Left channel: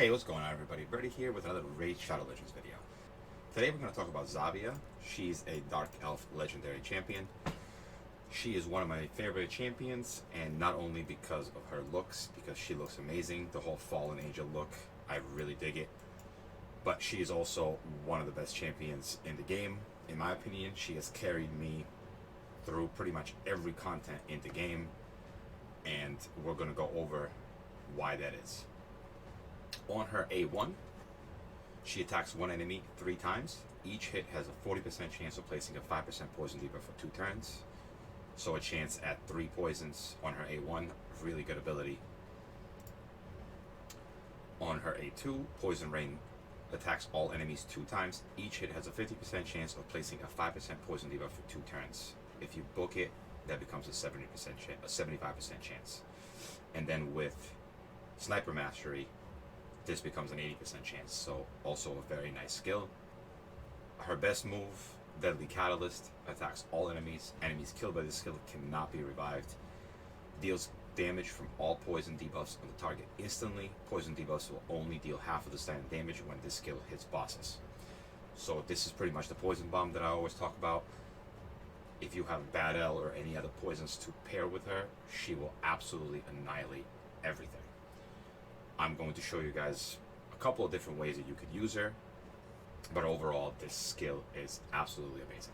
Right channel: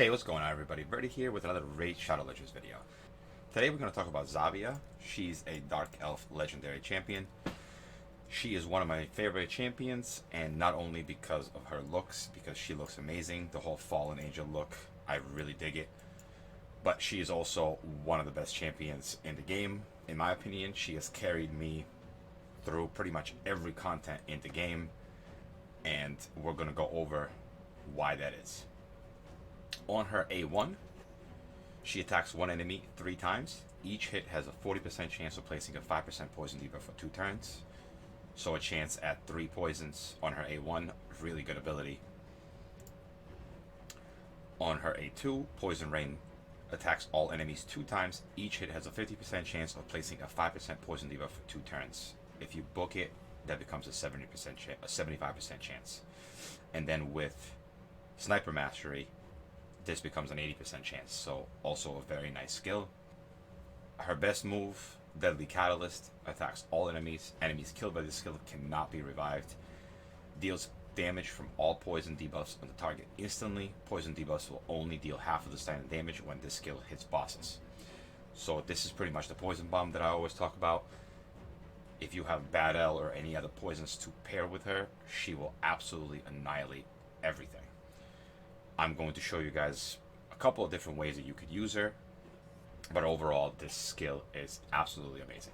Hey, what's going on everybody? Birdie here with another Raid Shadow Legends video. Today we're going to talk about Zavia. She's a Dark Elf Legendary Champion. She is one of my favorite champions, and not only because of her looks, because she looks amazing, the whole Fallen Angel look, I really dig it. But she is also one of the best champions in the game. In my opinion, she has carried me through pretty much every content in the game, and we're going to go over why that is. On her A1, she attacks one enemy 3 times. Each hit has a 40% chance of placing a 5% poison debuff for 2 turns. So a chance at 3 poisons on her A1, really good ability. On her A2, Poison Rain attacks all enemies 2 times. Each hit has a 50% chance of placing a 5% poison debuff for 2 turns. If you book it, that becomes a 75% chance. And then with Sniper Mastery, this becomes an 80% chance, so also a very nice skill. Her best move, Deadly Catalyst, attacks all enemies. Enemies killed by this skill cannot be revived. Deals damage from all poison debuffs on the target instantly. Poison debuffs will only deal half of the standard damage when this skill hits bosses. So this is pretty much the poison bomb that I always talk about. If you have Bad L or any other poisons to pair with her, she will absolutely annihilate everything. I'm going to show you guys a couple of different ways that you could use her, but overall this skill is absolutely amazing.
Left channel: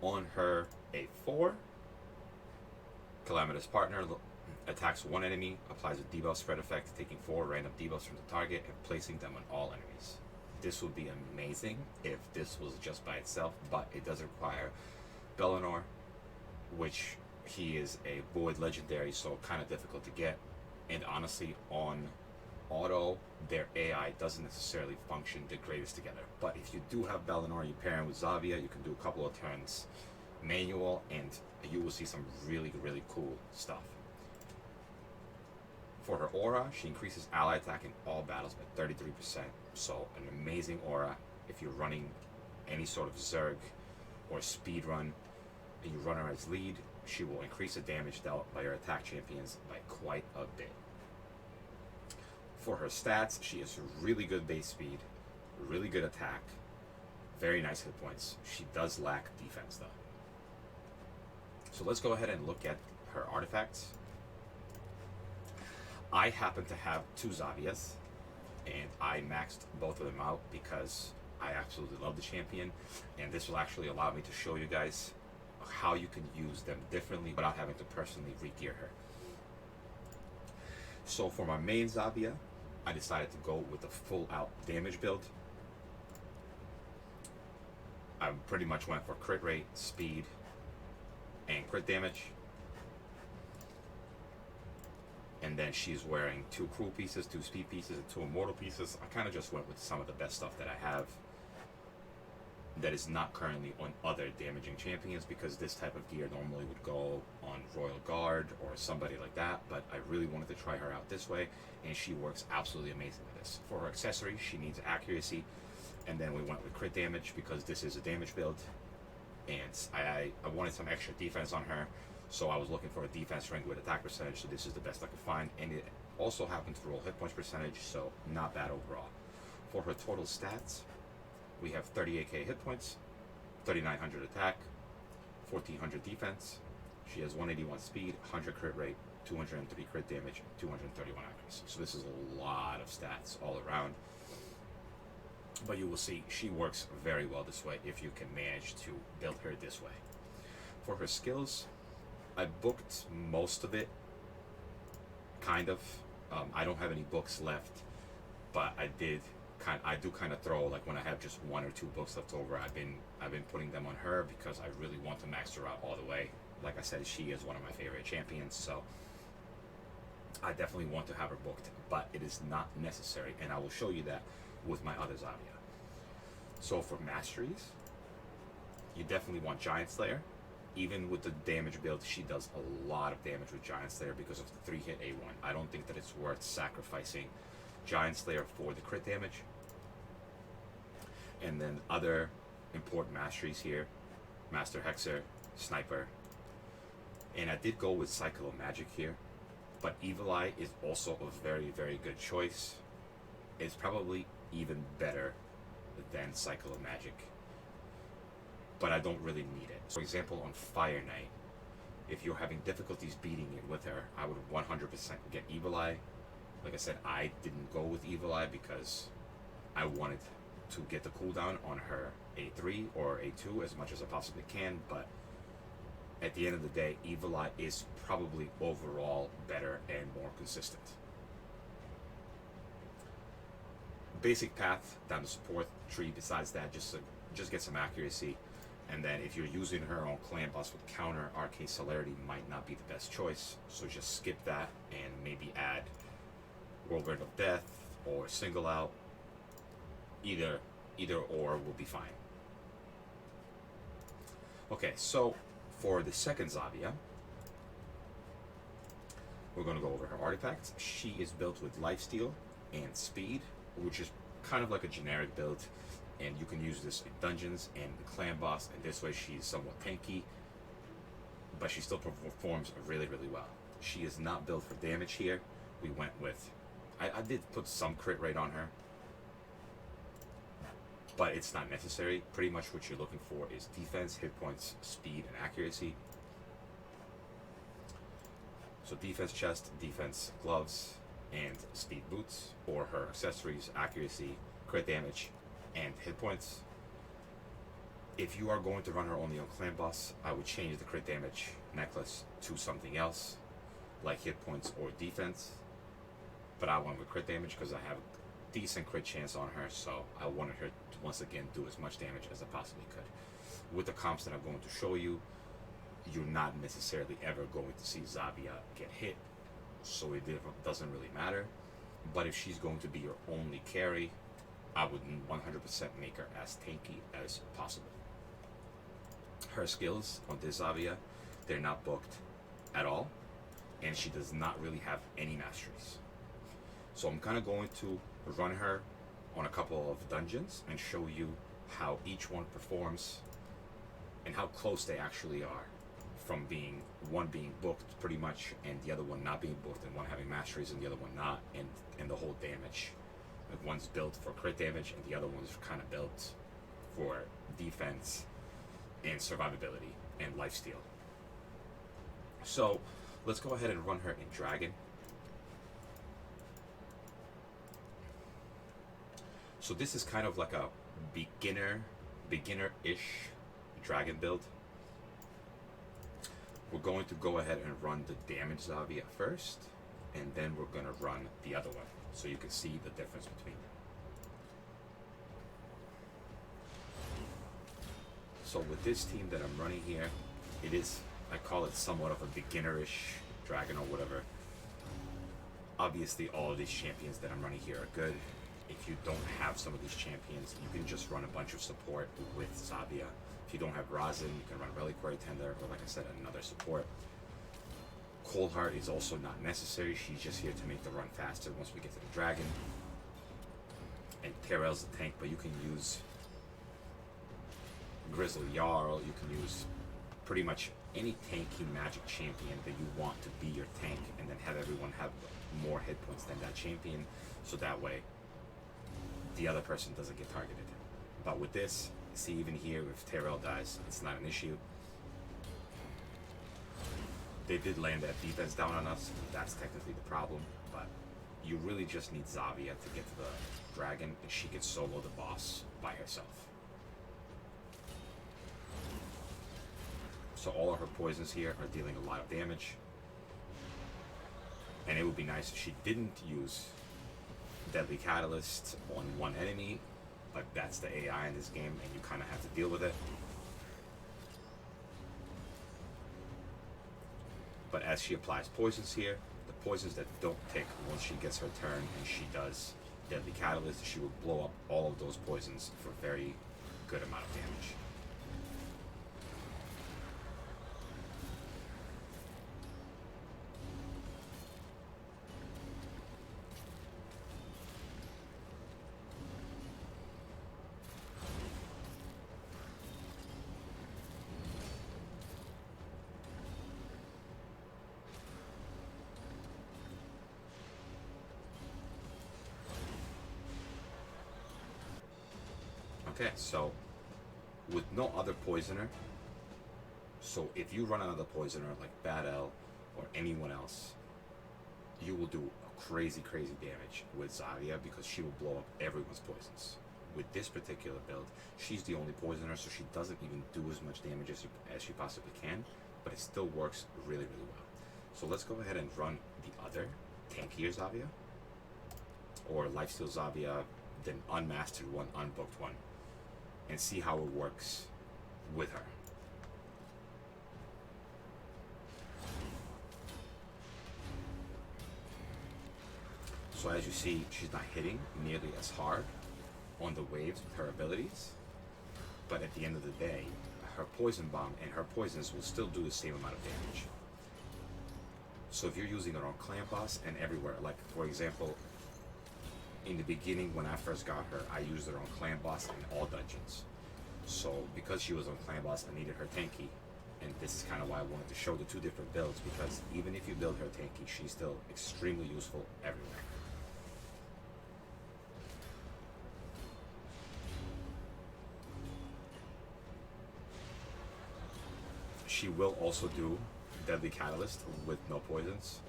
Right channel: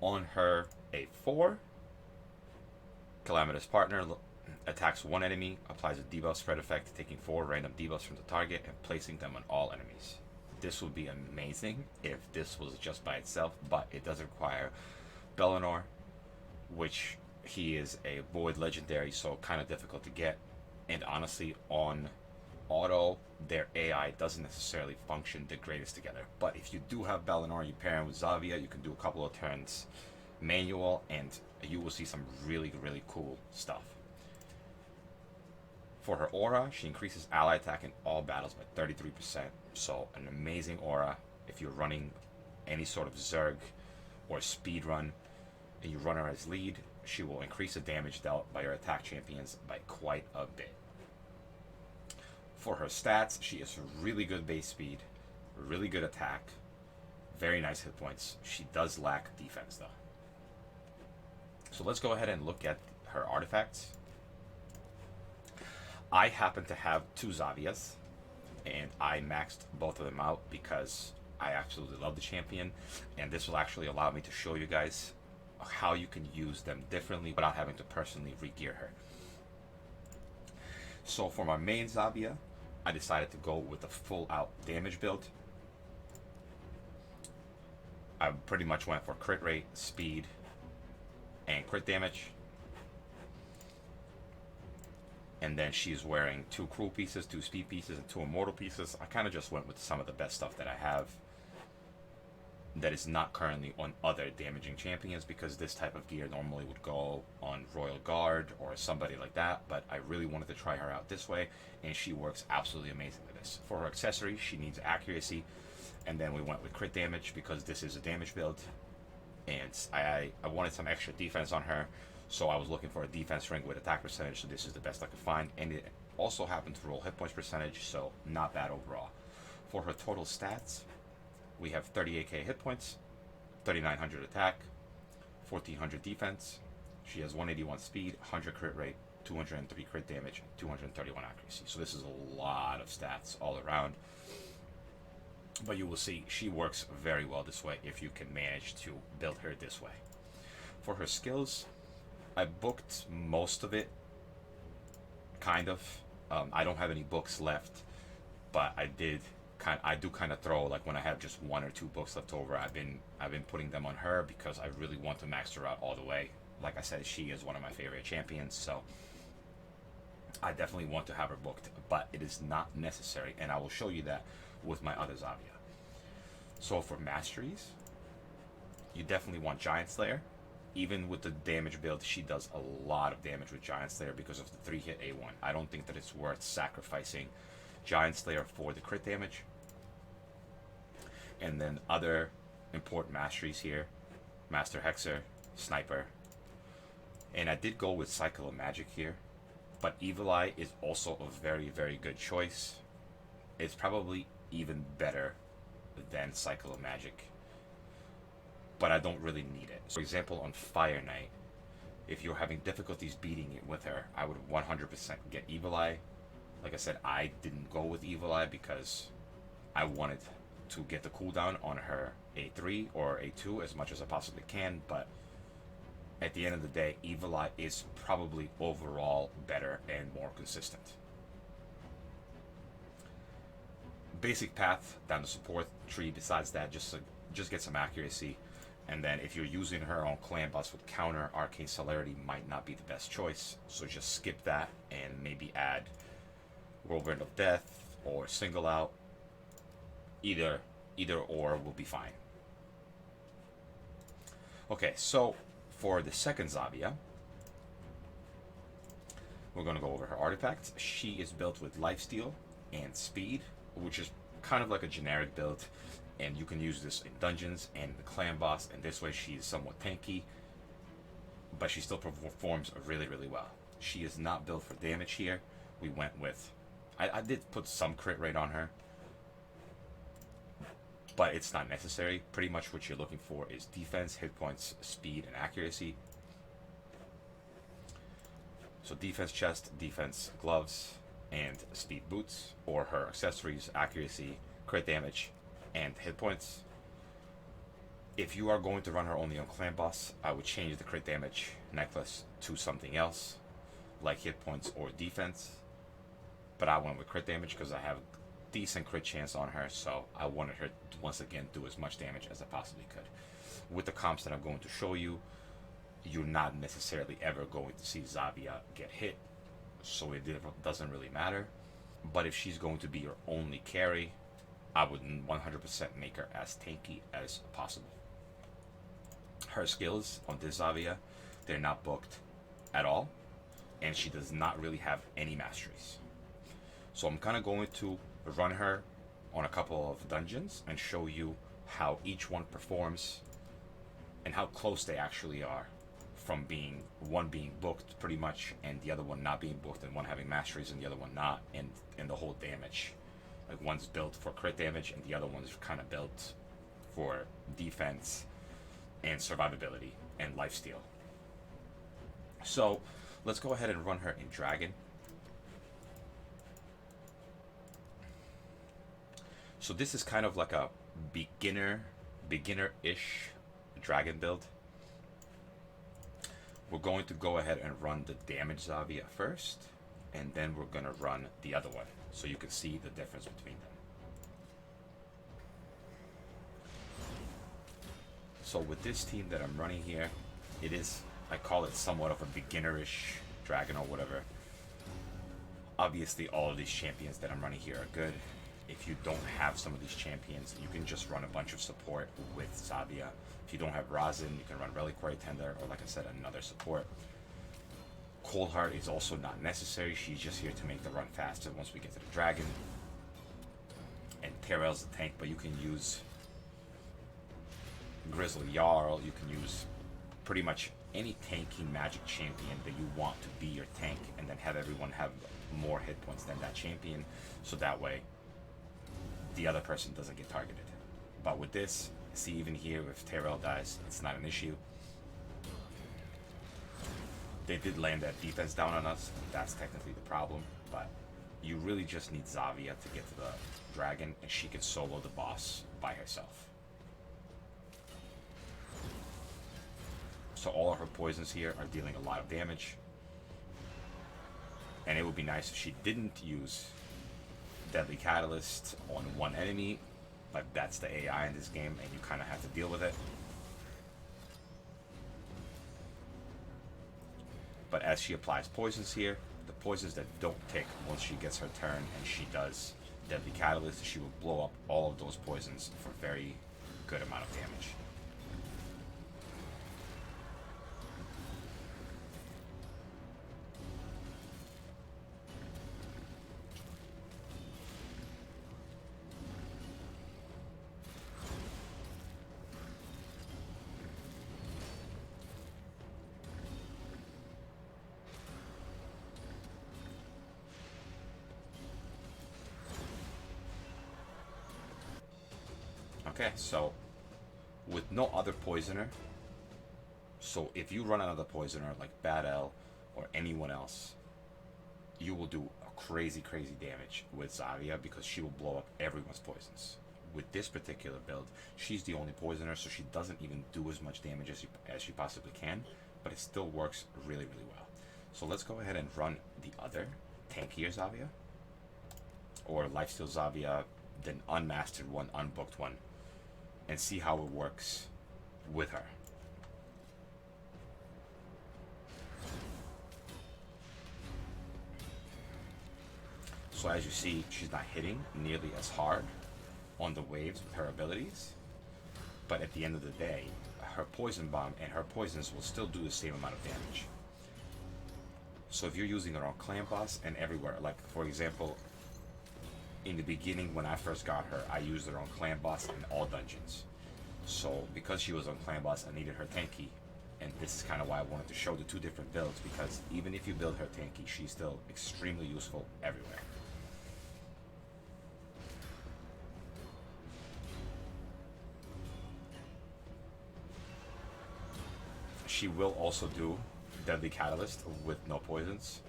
On her A4, Calamitous Partner attacks one enemy, applies a debuff spread effect, taking 4 random debuffs from the target and placing them on all enemies. This would be amazing if this was just by itself, but it does require Bellinor, which he is a Void Legendary, so kind of difficult to get, and honestly on auto, their AI doesn't necessarily function the greatest together. But if you do have Bellinor, you pair him with Zavia, you can do a couple of turns manual, and you will see some really cool stuff. For her aura, she increases ally attack in all battles by 33%, so an amazing aura. If you're running any sort of Zerg or speed run, and you run her as lead, she will increase the damage dealt by your attack champions by quite a bit. For her stats, she is really good base speed, really good attack, very nice hit points. She does lack defense though. So let's go ahead and look at her artifacts. I happen to have 2 Zavias, and I maxed both of them out because I absolutely love the champion, and this will actually allow me to show you guys how you can use them differently without having to personally re-gear her. So for my main Zavia, I decided to go with a full out damage build. I pretty much went for crit rate, speed, and crit damage. And then she's wearing 2 cruel pieces, 2 speed pieces, and 2 immortal pieces. I kind of just went with some of the best stuff that I have that is not currently on other damaging champions, because this type of gear normally would go on Royal Guard or somebody like that, but I really wanted to try her out this way, and she works absolutely amazing with this. For her accessory, she needs accuracy, and then we went with crit damage because this is a damage build, and I wanted some extra defense on her, so I was looking for a defense ring with attack percentage, so this is the best I could find, and it also happened to roll hit points percentage, so not bad overall. For her total stats, we have 38k hit points, 3900 attack, 1400 defense. She has 181 speed, 100 crit rate, 203 crit damage, 231 accuracy. So this is a lot of stats all around. But you will see she works very well this way if you can manage to build her this way. For her skills, I booked most of it, kind of. I don't have any books left, but I do kind of throw, like when I have just 1 or 2 books left over, I've been putting them on her because I really want to max her out all the way. Like I said, she is one of my favorite champions, so I definitely want to have her booked, but it is not necessary, and I will show you that with my other Zavia. So for masteries, you definitely want Giant Slayer. Even with the damage build, she does a lot of damage with Giant Slayer because of the 3-hit A1. I don't think that it's worth sacrificing Giant Slayer for the crit damage. And then other important masteries here: Master Hexer, Sniper, and I did go with Cycle of Magic here, but Evil Eye is also a very good choice. It's probably even better than Cycle of Magic, but I don't really need it. For example, on Fire Knight, if you're having difficulties beating it with her, I would 100% get Evil Eye. Like I said, I didn't go with Evil Eye because I wanted to get the cooldown on her A3 or A2 as much as I possibly can, but at the end of the day, Evil Eye is probably overall better and more consistent. Basic path down the support tree. Besides that, just get some accuracy, and then if you're using her on clan boss with counter, Arcane Celerity might not be the best choice, so just skip that and maybe add Whirlwind of Death or Single Out. Either or will be fine. Okay, so for the second Zavia, we're going to go over her artifacts. She is built with Lifesteal and Speed, which is kind of like a generic build, and you can use this in dungeons and the clan boss, and this way she's somewhat tanky, but she still performs really, really well. She is not built for damage here. We went with, I did put some crit rate on her, but it's not necessary. Pretty much what you're looking for is defense, hit points, speed, and accuracy. So defense chest, defense gloves, and speed boots, or her accessories, accuracy, crit damage, and hit points. If you are going to run her only on clan boss, I would change the crit damage necklace to something else, like hit points or defense. But I went with crit damage because I have a decent crit chance on her, so I wanted her to once again do as much damage as I possibly could. With the comps that I'm going to show you, you're not necessarily ever going to see Zavia get hit, so it doesn't really matter. But if she's going to be your only carry, I would 100% make her as tanky as possible. Her skills on this Zavia, they're not booked at all, and she does not really have any masteries. So I'm kind of going to run her on a couple of dungeons and show you how each one performs and how close they actually are from being one being booked pretty much and the other one not being booked, and one having masteries and the other one not, and the whole damage. Like one's built for crit damage and the other one's kind of built for defense and survivability and lifesteal. So let's go ahead and run her in Dragon. So this is kind of like a beginner-ish Dragon build. We're going to go ahead and run the damage Zavia first, and then we're going to run the other one, so you can see the difference between them. So with this team that I'm running here, it is, I call it somewhat of a beginnerish Dragon or whatever. Obviously all of these champions that I'm running here are good. If you don't have some of these champions, you can just run a bunch of support with Zavia. If you don't have Razin, you can run Reliquary Tender, or like I said, another support. Coldheart is also not necessary. She's just here to make the run faster once we get to the Dragon. And Terrell's the tank, but you can use Grizzly Jarl, you can use pretty much any tanky magic champion that you want to be your tank, and then have everyone have more hit points than that champion, so that way the other person doesn't get targeted. But with this, see, even here, if Terrell dies, it's not an issue. They did land that defense down on us. That's technically the problem, but you really just need Zavia to get to the Dragon, and she can solo the boss by herself. So all of her poisons here are dealing a lot of damage. And it would be nice if she didn't use Deadly Catalyst on one enemy, but that's the AI in this game, and you kind of have to deal with it. But as she applies poisons here, the poisons that don't tick once she gets her turn and she does Deadly Catalyst, she will blow up all of those poisons for a very good amount of damage. Okay, so with no other poisoner, so if you run another poisoner like Bad L or anyone else, you will do crazy, crazy damage with Zavia because she will blow up everyone's poisons. With this particular build, she's the only poisoner, so she doesn't even do as much damage as she possibly can, but it still works really, really well. So let's go ahead and run the other tankier Zavia, or Lifesteal Zavia, the unmastered one, unbooked one, and see how it works with her. So as you see, she's not hitting nearly as hard on the waves with her abilities, but at the end of the day, her poison bomb and her poisons will still do the same amount of damage. So if you're using her on clan boss and everywhere, like for example, in the beginning when I first got her, I used her on clan boss in all dungeons. So because she was on clan boss, I needed her tanky, and this is kind of why I wanted to show the two different builds, because even if you build her tanky, she's still extremely useful everywhere. She will also do Deadly Catalyst with no poisons,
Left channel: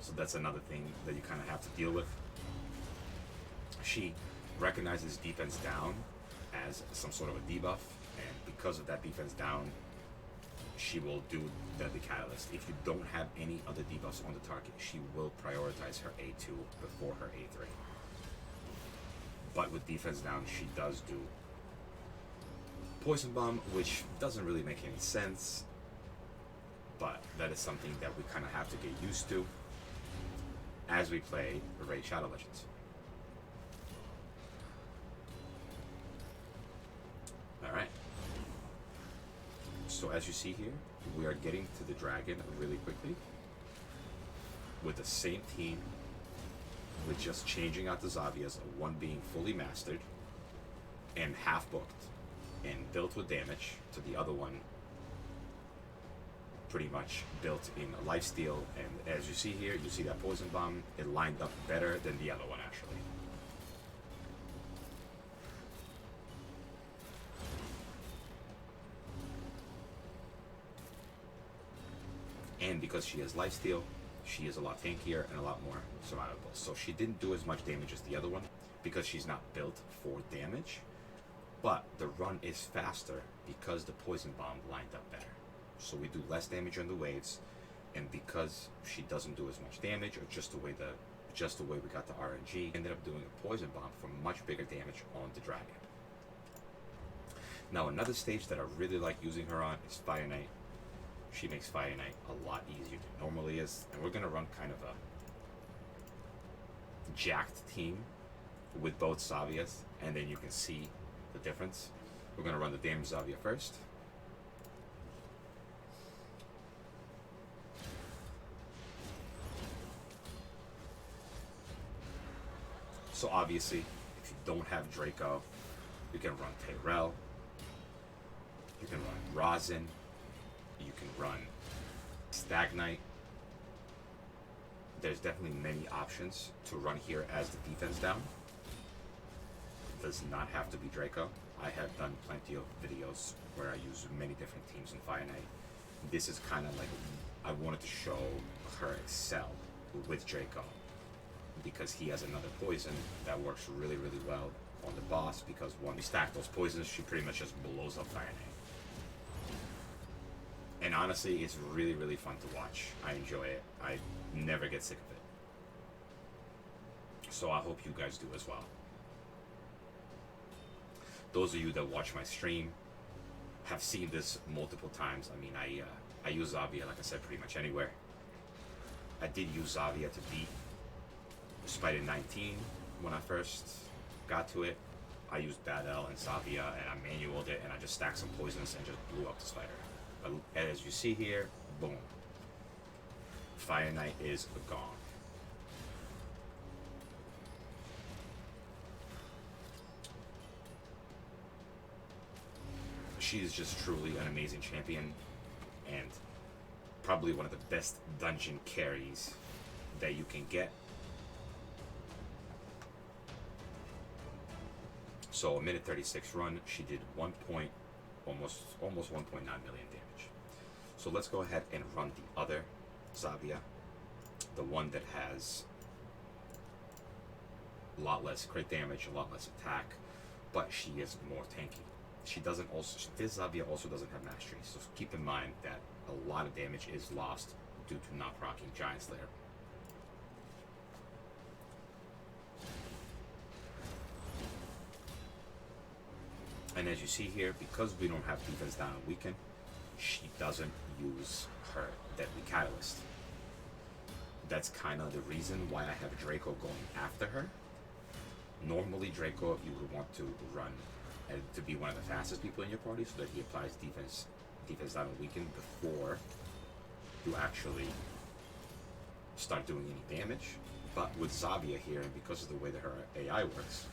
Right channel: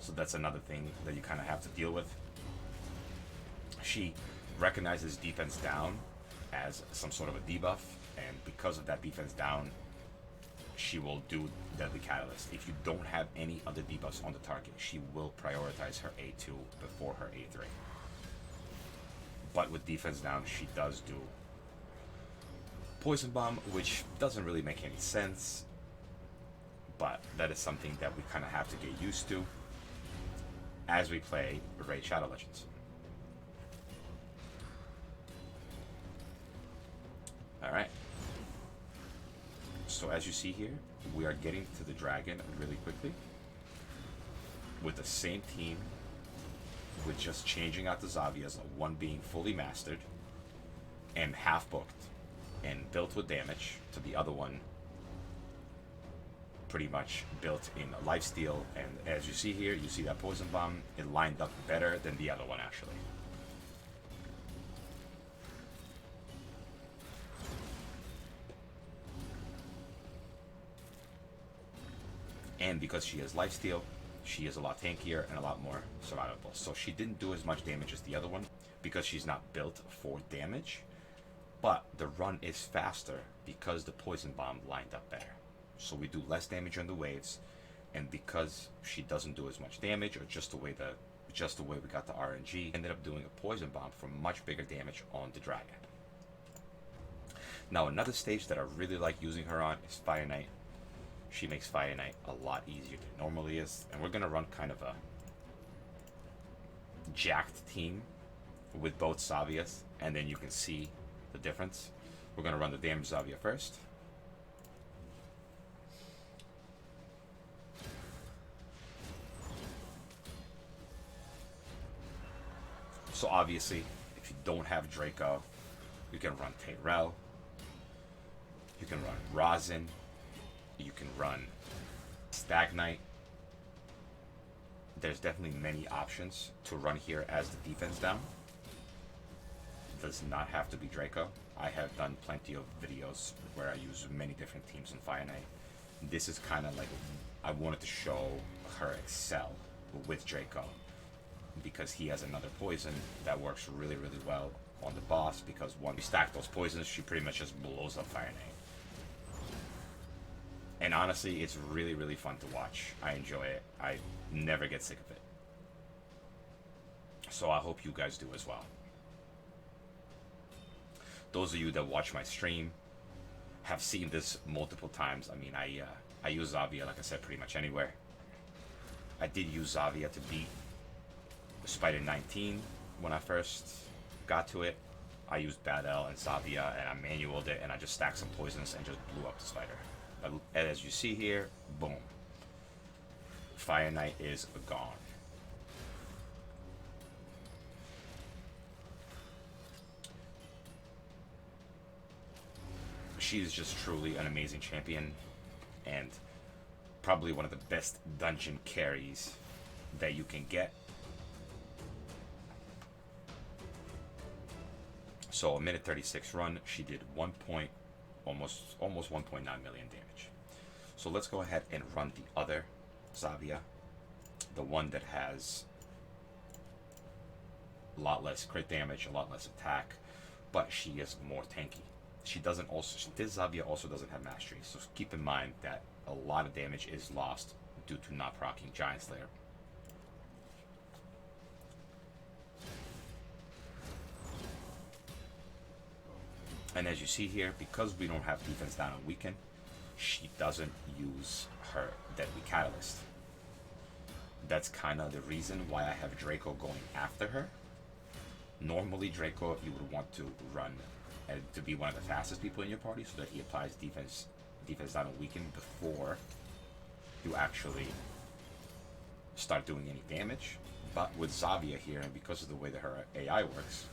so that's another thing that you kind of have to deal with. She recognizes defense down as some sort of a debuff, and because of that defense down, she will do Deadly Catalyst. If you don't have any other debuffs on the target, she will prioritize her A2 before her A3. But with defense down, she does do Poison Bomb, which doesn't really make any sense, but that is something that we kind of have to get used to as we play Raid Shadow Legends. Alright. So as you see here, we are getting to the dragon really quickly with the same team, with just changing out the Zavias, one being fully mastered and half booked and built with damage, to the other one pretty much built in lifesteal. And as you see here, you see that poison bomb, it lined up better than the other one actually. And because she has lifesteal, she is a lot tankier and a lot more survivable. So she didn't do as much damage as the other one because she's not built for damage, but the run is faster because the poison bomb lined up better. So we do less damage on the waves, and because she doesn't do as much damage, or just the way we got the RNG, ended up doing a poison bomb for much bigger damage on the dragon. Now another stage that I really like using her on is Fire Knight. She makes Fire Knight a lot easier than it normally is, and we're gonna run kind of a jacked team with both Zavias, and then you can see the difference. We're gonna run the damage Zavia first. So obviously, if you don't have Draco, you can run Tyrell, you can run Rosin, you can run Stag Knight. There's definitely many options to run here as the defense down. It does not have to be Draco. I have done plenty of videos where I use many different teams in Fire Knight. This is kind of like, I wanted to show her excel with Draco, because he has another poison that works really, really well on the boss, because when we stack those poisons, she pretty much just blows up Fire Knight. And honestly, it's really, really fun to watch. I enjoy it. I never get sick of it. So I hope you guys do as well. Those of you that watch my stream have seen this multiple times. I mean, I use Zavia, like I said, pretty much anywhere. I did use Zavia to beat Spider 19 when I first got to it. I used Bad L and Zavia, and I manualed it, and I just stacked some poisons and just blew up the spider. But as you see here, boom. Fire Knight is gone. She is just truly an amazing champion, and probably one of the best dungeon carries that you can get. So a minute 36 run, she did almost 1.9 million damage. So let's go ahead and run the other Zavia, the one that has a lot less crit damage, a lot less attack, but she is more tanky. This Zavia also doesn't have mastery, so keep in mind that a lot of damage is lost due to not proccing Giant Slayer. And as you see here, because we don't have defense down on weaken, she doesn't use her Deadly Catalyst. That's kind of the reason why I have Draco going after her. Normally Draco, you would want to run to be one of the fastest people in your party so that he applies defense down on weaken before you actually start doing any damage. But with Zavia here, and because of the way that her AI works,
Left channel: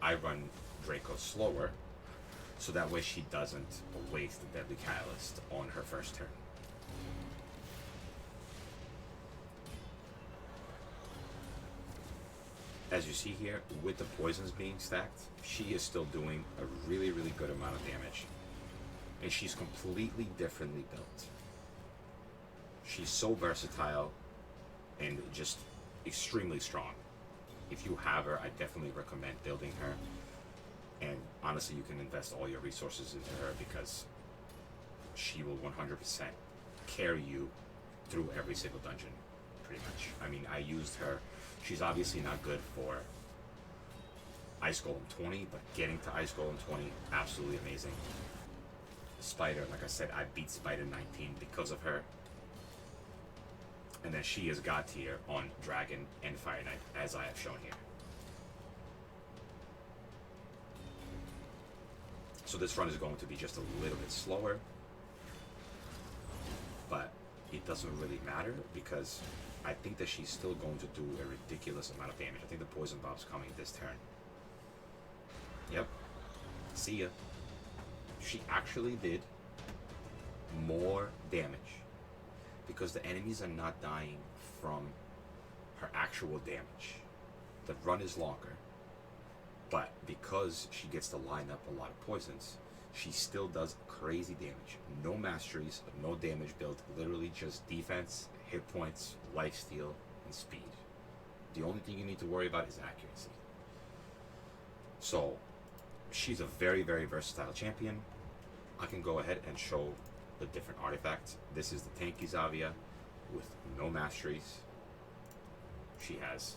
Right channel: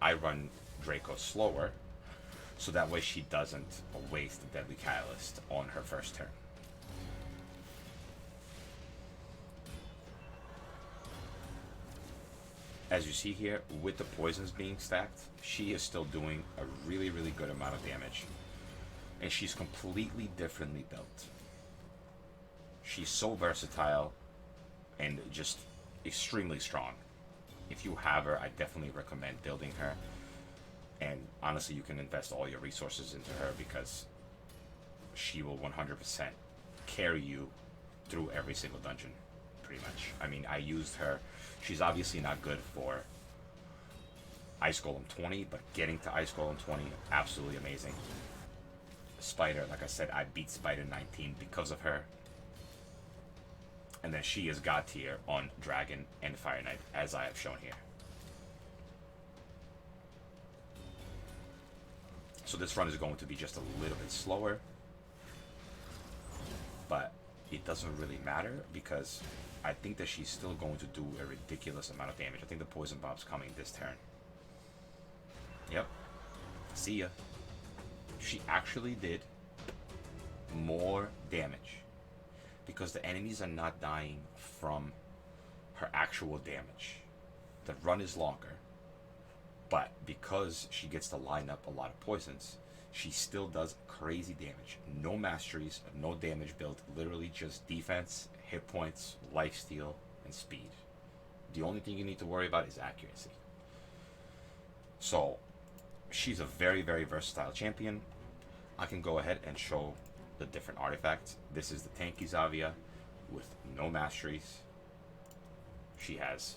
I run Draco slower, so that way she doesn't waste the Deadly Catalyst on her first turn. As you see here, with the poisons being stacked, she is still doing a really, really good amount of damage. And she's completely differently built. She's so versatile and just extremely strong. If you have her, I definitely recommend building her. And honestly, you can invest all your resources into her because she will 100% carry you through every single dungeon, pretty much. I mean, I used her. She's obviously not good for Ice Golem 20, but getting to Ice Golem 20, absolutely amazing. Spider, like I said, I beat Spider 19 because of her. And then she is God tier on Dragon and Fire Knight, as I have shown here. So this run is going to be just a little bit slower, but it doesn't really matter because I think that she's still going to do a ridiculous amount of damage. I think the Poison Bomb's coming this turn. Yep. See ya. She actually did more damage because the enemies are not dying from her actual damage. The run is longer, but because she gets to line up a lot of poisons, she still does crazy damage. No masteries, no damage built, literally just defense, hit points, lifesteal, and speed. The only thing you need to worry about is accuracy. So, she's a very, very versatile champion. I can go ahead and show the different artifacts. This is the Tanky Zavia with no masteries. She has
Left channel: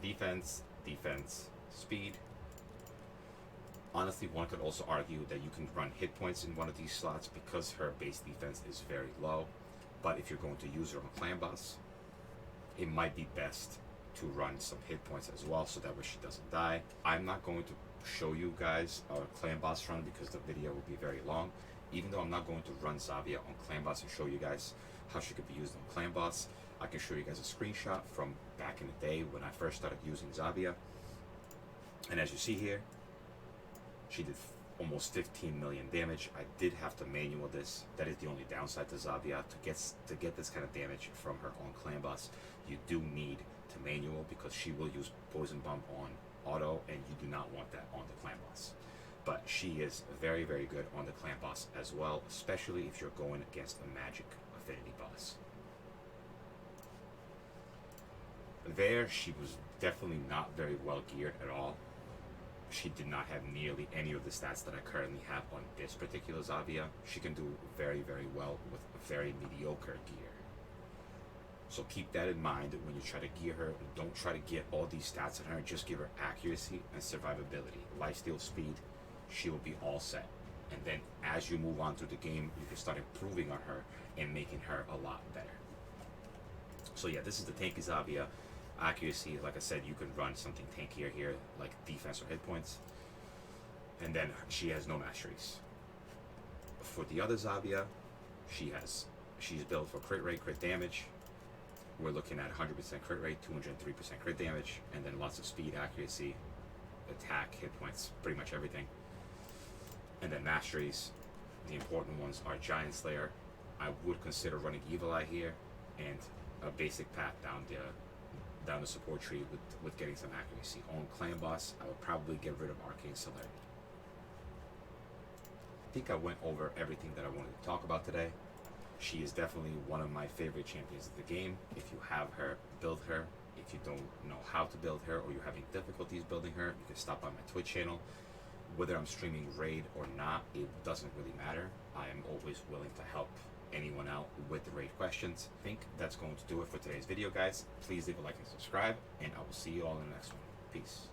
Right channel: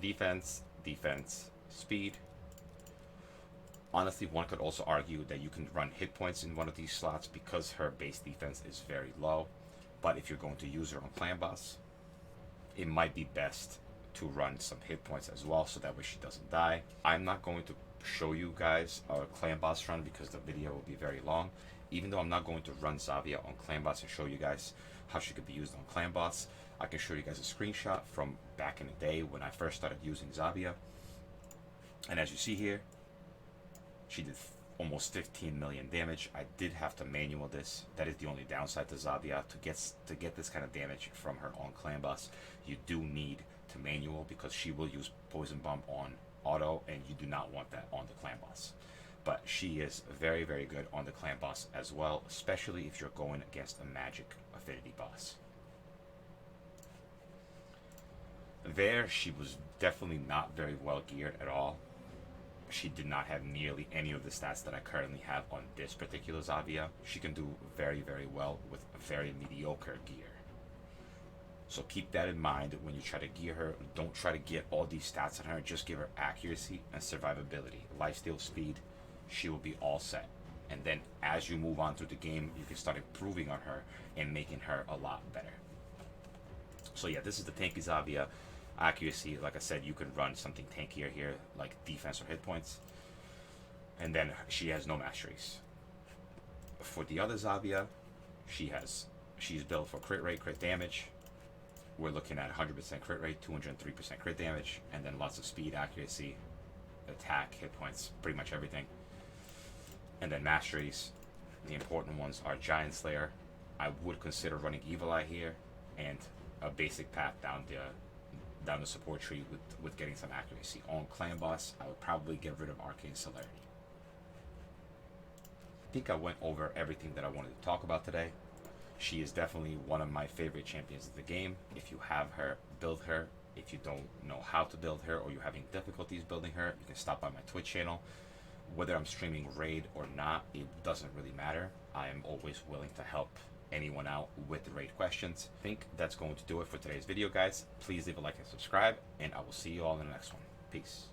defense, speed. Honestly, one could also argue that you can run hit points in one of these slots because her base defense is very low. But if you're going to use her on Clan Boss, it might be best to run some hit points as well so that way she doesn't die. I'm not going to show you guys our Clan Boss run because the video will be very long. Even though I'm not going to run Zavia on Clan Boss and show you guys how she could be used on Clan Boss, I can show you guys a screenshot from back in the day when I first started using Zavia. And as you see here, she did almost 15 million damage. I did have to manual this. That is the only downside to Zavia. To get this kind of damage from her on Clan Boss, you do need to manual because she will use Poison Bomb on auto, and you do not want that on the Clan Boss. But she is very, very good on the Clan Boss as well, especially if you're going against a magic affinity boss. There, she was definitely not very well geared at all. She did not have nearly any of the stats that I currently have on this particular Zavia. She can do very, very well with a very mediocre gear. So keep that in mind when you try to gear her. Don't try to get all these stats on her. Just give her accuracy and survivability. Lifesteal, speed, she will be all set. And then as you move on through the game, you can start improving on her and making her a lot better. So yeah, this is the Tanky Zavia. Accuracy, like I said, you could run something tankier here, like defense or hit points. And then she has no masteries. For the other Zavia, she's built for crit rate, crit damage. We're looking at 100% crit rate, 203% crit damage, and then lots of speed, accuracy, attack, hit points, pretty much everything. And then masteries, the important ones are Giant Slayer. I would consider running Evil Eye here, and a basic path down down the support tree with getting some accuracy. On Clan Boss, I would probably get rid of Arcane Celerity. I think I went over everything that I wanted to talk about today. She is definitely one of my favorite champions of the game. If you have her, build her. If you don't know how to build her or you're having difficulties building her, you can stop by my Twitch channel. Whether I'm streaming raid or not, it doesn't really matter. I am always willing to help anyone out with the raid questions. I think that's going to do it for today's video, guys. Please leave a like and subscribe, and I will see you all in the next one. Peace.